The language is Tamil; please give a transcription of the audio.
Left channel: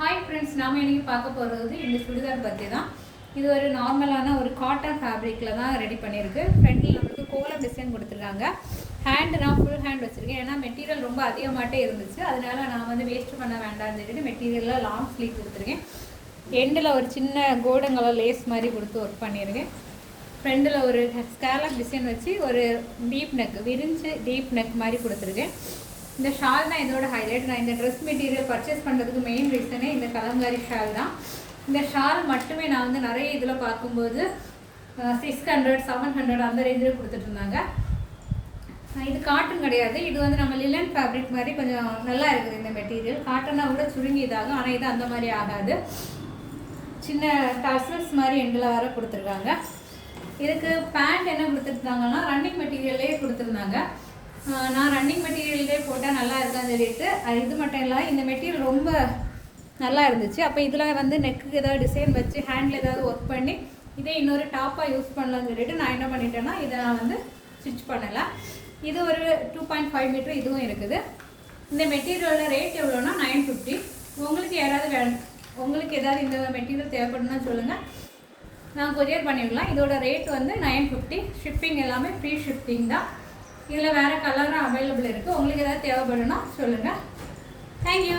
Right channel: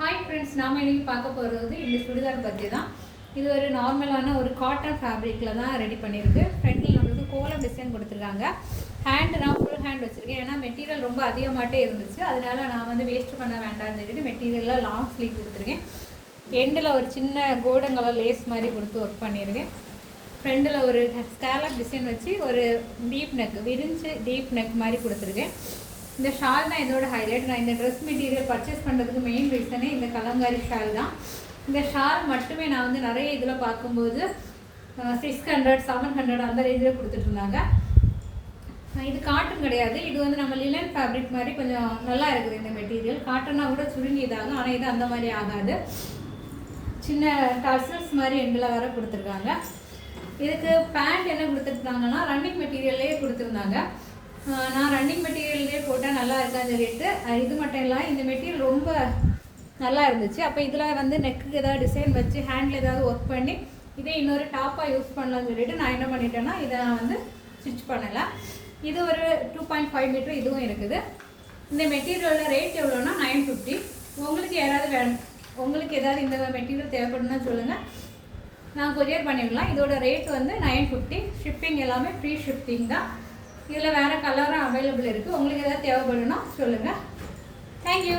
ஹாய் ஃப்ரெண்ட்ஸ், நாம் இன்றைக்கி பார்க்க போகிறது இந்த சுடிதார் பற்றி தான். இது ஒரு நார்மலான ஒரு காட்டன் ஃபேப்ரிக்கில் தான் ரெடி பண்ணியிருக்கு. ஃப்ரண்ட்டில் நம்மளுக்கு கோலம் டிசைன் கொடுத்துருக்காங்க. ஹேண்டு நான் ஃபுல் ஹேண்ட் வச்சுருக்கேன். ஏன்னா மெட்டீரியல் ரொம்ப அதிகமாகட்டே இருந்துச்சு. அதனால நான் வந்து வேஸ்ட் பண்ண வேண்டாம்னு சொல்லிட்டு மெட்டீரியலில் லாங் ஸ்லீவ் கொடுத்துருக்கேன். எண்டில் ஒரு சின்ன கோல்டன் கலர் லேஸ் மாதிரி கொடுத்து ஒர்க் பண்ணியிருக்கேன். ஃப்ரெண்டில் ஒரு ஸ்கேலப் டிசைன் வச்சு ஒரு டீப் நெக் விரிஞ்சு டீப் நெக் மாதிரி கொடுத்துருக்கேன். இந்த ஷால் தான் இதோட ஹைலைட். நான் இந்த ட்ரெஸ் மெட்டீரியல் பர்ச்சேஸ் பண்ணுறதுக்கு மெயின் ரீசனே இந்த கலங்காரி ஷால் தான். இந்த ஷால் மட்டுமே நான் வந்து நிறைய இதில் பார்க்கும்போது 600 700 அந்த ரேஞ்சில் கொடுத்துட்ருந்தாங்க. இது காட்டன் கிடையாது. இது வந்து நம்ம லிலன் ஃபேப்ரிக் மாதிரி கொஞ்சம் நல்லா இருக்குது இந்த மெட்டீரியல். காட்டனாக கூட சுருங்கி இதாகும், ஆனால் இது அந்த மாதிரி ஆகாது. சின்ன டர்சல்ஸ் மாதிரி எண்டில் வர கொடுத்துருக்காங்க. இதுக்கு பேண்ட் என்ன கொடுத்துருந்தாங்கன்னா ரன்னிங் மெட்டீரியல்லே கொடுத்துருந்தாங்க. நான் ரன்னிங் மெட்டீரியல்லே போட்டால் நல்லா இருக்கான்னு சொல்லிட்டு இது மட்டும் இல்லை, இந்த மெட்டீரியல் ரொம்ப நல்லா இருந்துச்சு. அப்போ இதில் வந்து நெக்குக்கு ஏதாவது டிசைன் வச்சு ஹேண்டில் ஏதாவது ஒர்க் பண்ணி இதே இன்னொரு டாப்பாக யூஸ் பண்ணலாம்னு சொல்லிட்டு நான் என்ன பண்ணிட்டேன்னா இதை நான் வந்து ஸ்டிச் பண்ணலை. இது ஒரு 2.5 மீட்டர் இதுவும் இருக்குது. இந்த மெட்டீரியலோட ரேட் எவ்வளோன்னா 950. உங்களுக்கு ஏதாவது இந்த மெட்டீரியல் தேவைப்படுன்னா சொல்லுங்கள், நான் கொரியர் பண்ணிடலாம். இதோட ரேட் வந்து 950. ஷிப்பிங் எல்லாமே ஃப்ரீ ஷிப்பிங் தான். இதில் வேறு கலரும் அவைலபிள் இருக்குது. உங்களுக்கு எதாவது தேவைப்படுன்னா சொல்லுங்கள். தேங்க்யூ.